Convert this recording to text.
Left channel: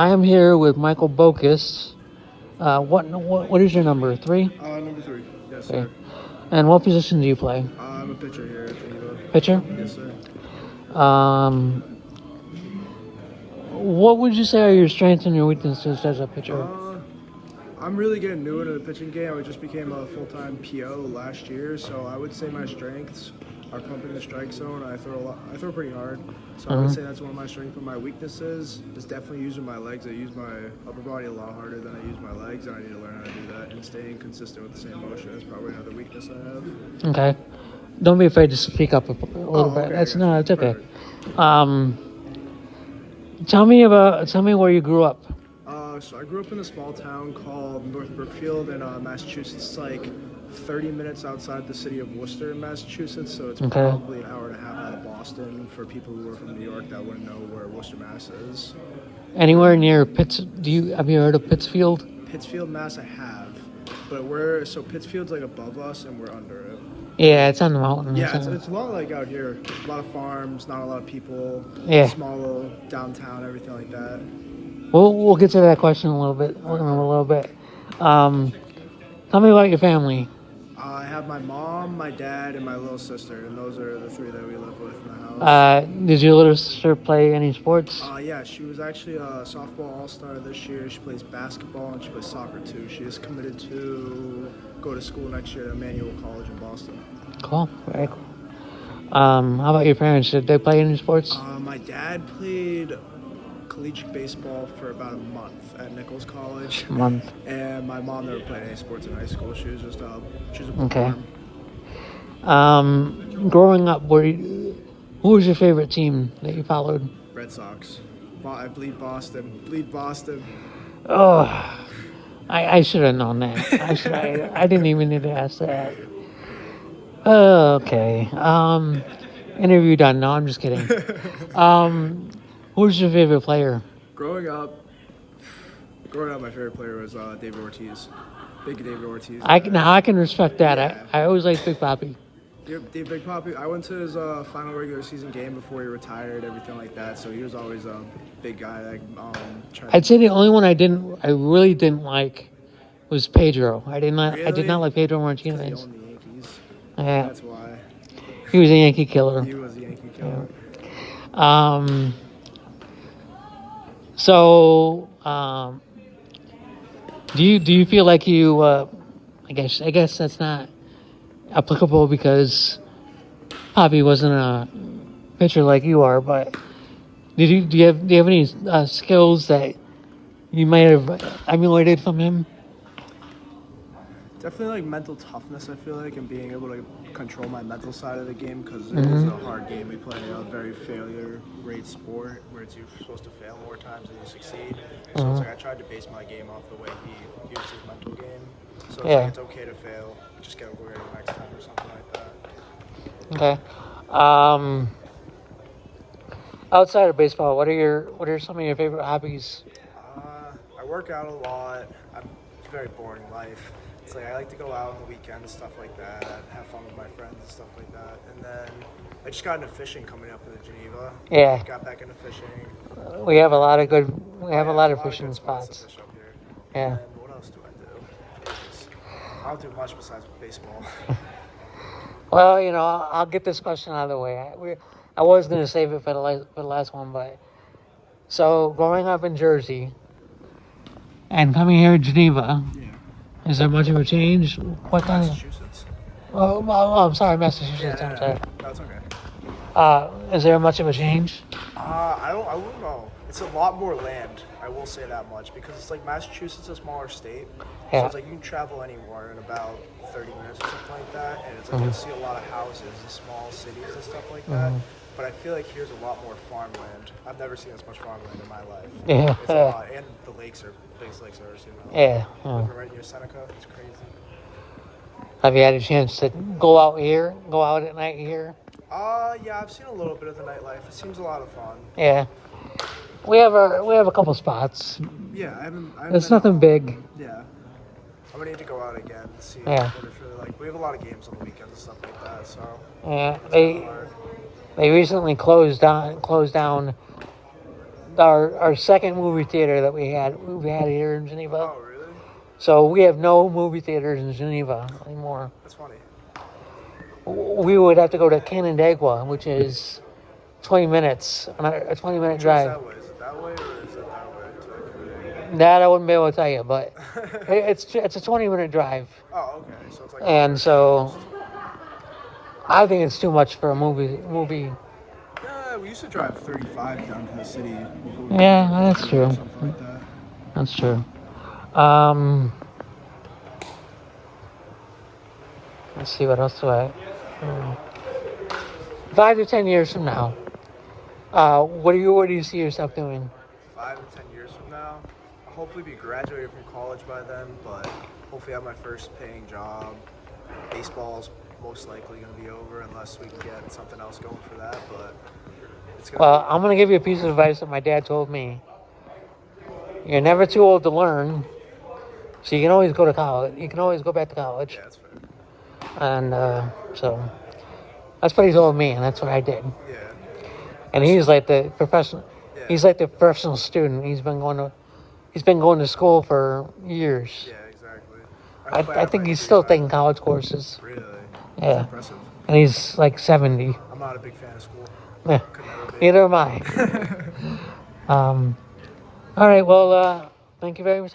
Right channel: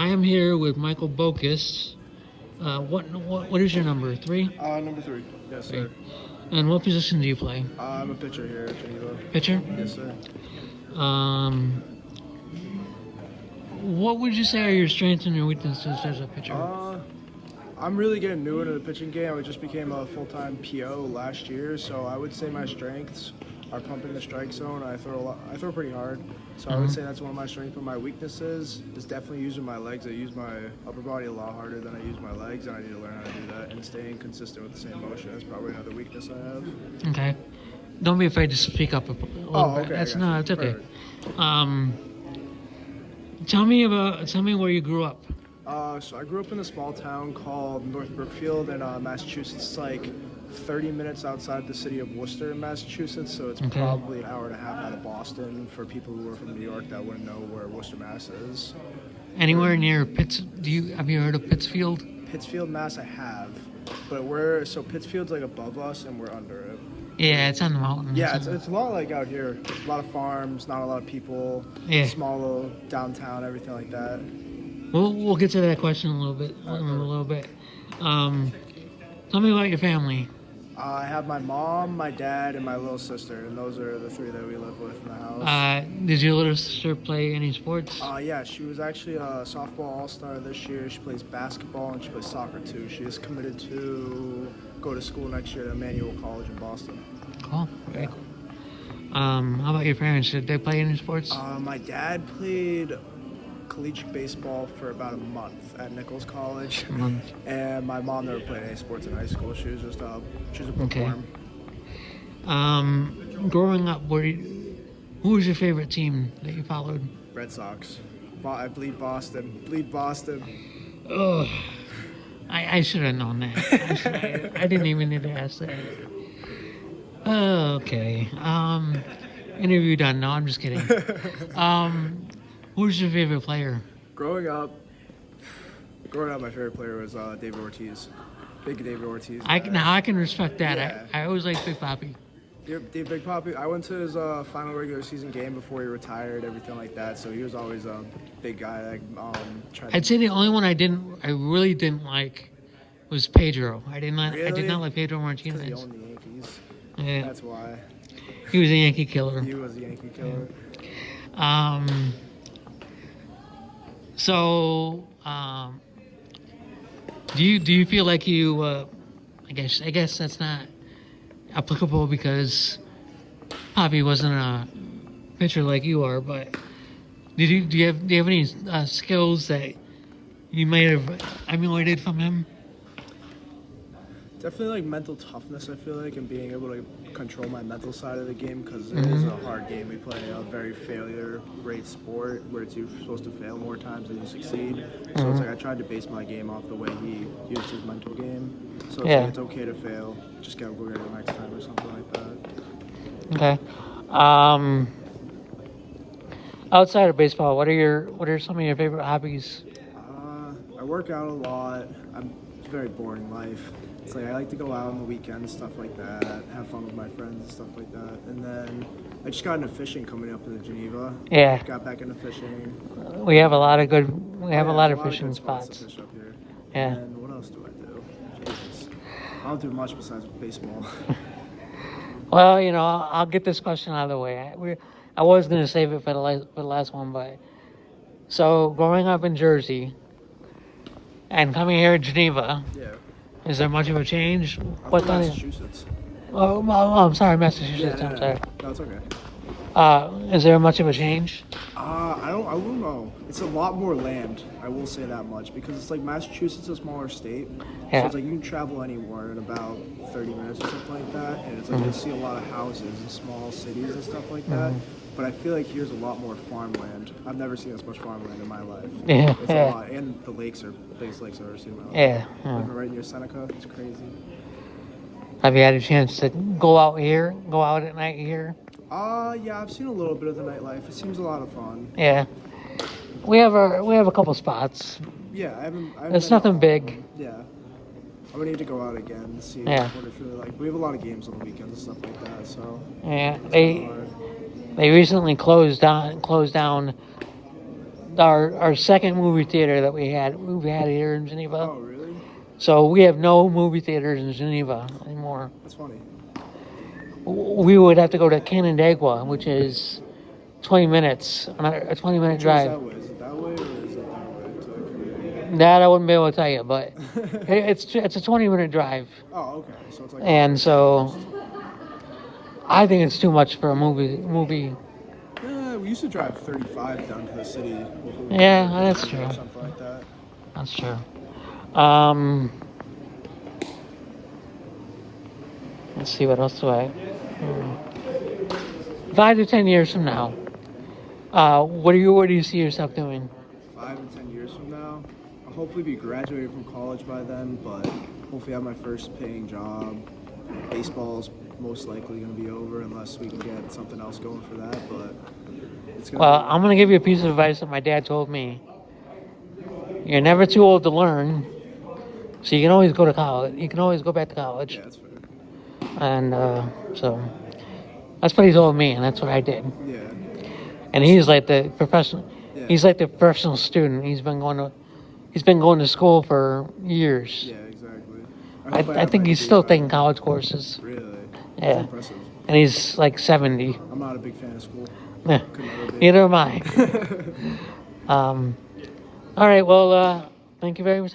I am here with Michael Bokus. What is your number? 3? Number 3. Yes, Okay. sir. And what position do you play? I'm a pitcher here at Geneva. Pitcher? Yes, sir. Um, what would you say are your strengths and your weaknesses as a pitcher? I'm really getting new into the pitching game. I just became a full-time PO last year, so I would say my strengths are pumping the strike zone. I throw pretty hard, so I would say that's one of my strengths. But my weaknesses is definitely using my legs. I use my upper body a lot harder than I use my legs, and I need to learn how to do that. And staying consistent with the same motion is probably another weakness I have. Okay. Don't be afraid to speak up a little bit. Okay, That's yeah. it's okay. Perfect. Tell me where you grew up. So I grew up in a small town called North Brookfield in Massachusetts. It's like 30 minutes outside the city of Worcester in Massachusetts, so it's probably an hour and a half out of Boston. For people who are from New York that wouldn't know where Worcester, Mass is. Anywhere near Pitts? Have you heard of Pittsfield? Pittsfield, Mass, I have, but Pittsfield's like above us and we're under it. Yeah, it's on the mountain. Yeah, it's a lot like out here. A lot of farms, not a lot of people. Yeah. Small little downtown, everything like that. We'll get to that question in a little bit. Tell me about your family. I have my mom, my dad, and my little sister, and those are the 3 that we live with in the house. Did your little sister play any sports? Yeah, she was actually a softball all-star this year. She plays basketball and she plays soccer too. She is committed to go to school next year at Emmanuel College in Boston. Cool. Very cool. How about your parents? Did they play any sports? My dad played collegiate baseball for about a month at Nichols College. And my mom never played any sports in high school. She was just a bookworm. Growing up, who was your favorite team that you followed? Red Sox. I bleed Boston. Bleed Boston. Oh, I should have known that. I didn't even need to ask that. Okay. Interview done. No, I'm just kidding. Who's your favorite player? Growing up, my favorite player was David Ortiz. Big David Ortiz. I can respect that. Yeah. I always like Big Papi. Big Papi. I went to his final regular season game before he retired, everything like that. So he was always a big guy. I'd say the only one I really didn't like was Pedro. I did not like Pedro Martinez. He owned the Yankees. Yeah. That's why. He was a Yankee killer. He was a Yankee killer. So, do you feel like you? I guess that's not applicable because Papi wasn't a pitcher like you are. But do you have any skills that you might have emulated from him? Definitely like mental toughness, I feel like, and being able to control my mental side of the game because it is a hard game. We play a very failure rate sport where you're supposed to fail more times than you succeed. So it's like I tried to base my game off the way he used his mental game. So it's like it's okay to fail. Just get over it next time or something like that. Okay. Outside of baseball, what are some of your favorite hobbies? I work out a lot. I'm very boring life. It's like I like to go out on the weekends, stuff like that, have fun with my friends and stuff like that. And then I just got into fishing coming up in Geneva. Yeah. Got back into fishing. We have a lot of fishing good spots. to fish up here. Yeah. And what else do I do? Jesus. I don't do much besides baseball. Well, I'll get this question out of the way. I was going to save it for the last one, but so growing up in Jersey and coming here to Geneva. Yeah. Is there much of a change? I'm from Massachusetts. Well, I'm sorry, Massachusetts. Yeah, I'm sorry. No, it's okay. Is there much of a change? I wouldn't know. It's a lot more land. I will say that much because it's like Massachusetts is a smaller state, so it's like you can travel anywhere in about 30 minutes or something like that, and it's like you'll see a lot of houses in small cities and stuff like that. But I feel like here's a lot more farmland. I've never seen this much farmland in my life. Yeah, it's a lot, and the lakes are the biggest lakes I've ever seen in my life. Yeah. Living right near Seneca, it's crazy. Have you had a chance to go out at night here? Yeah, I've seen a little bit of the nightlife. It seems a lot of fun. Yeah, we have a couple spots. Yeah, I haven't it's nothing big. Yeah. I'm gonna need to go out again and see what it's really like. We have a lot of games on the weekends and stuff like that, so yeah, it's hard. They recently closed down our second movie theater that we had here in Geneva. Oh, really? So we have no movie theaters in Geneva anymore. That's funny. We would have to go to Canandaigua, which is 20 minutes, a 20-minute Which way is drive. that way? Is it that way or is it that way? To Canada? That I wouldn't be able to tell you, but it's a 20-minute drive, Oh, okay. So it's like. and so I think it's too much for a movie. Yeah, we used to drive 35 down to the city. Before we Yeah, went to that's Vancouver or true. Something like that. That's true. Let's see what else do I. 5 to 10 years from now, what do you see yourself doing? 5 and 10 years from now, I'll hopefully be graduated from college by then, but hopefully have my first paying job. Baseball's most likely going to be over unless we can get something else going for that, but it's going to Well, I'm going to give you a piece of advice that my dad told me. You're never too old to learn, so you can always go to college. You can always go back to college. Yeah, that's fair. And so that's what he told me, and that's what I did. Yeah. And he's like the professional. Yeah. He's like the professional student. He's been going to school for years. Yeah, exactly. I think he's still taking college courses. Really? Yeah. That's impressive. And he's like 70. I'm not a big fan of school. Yeah. Could never be. Neither am I. All right. Well, thank you very much.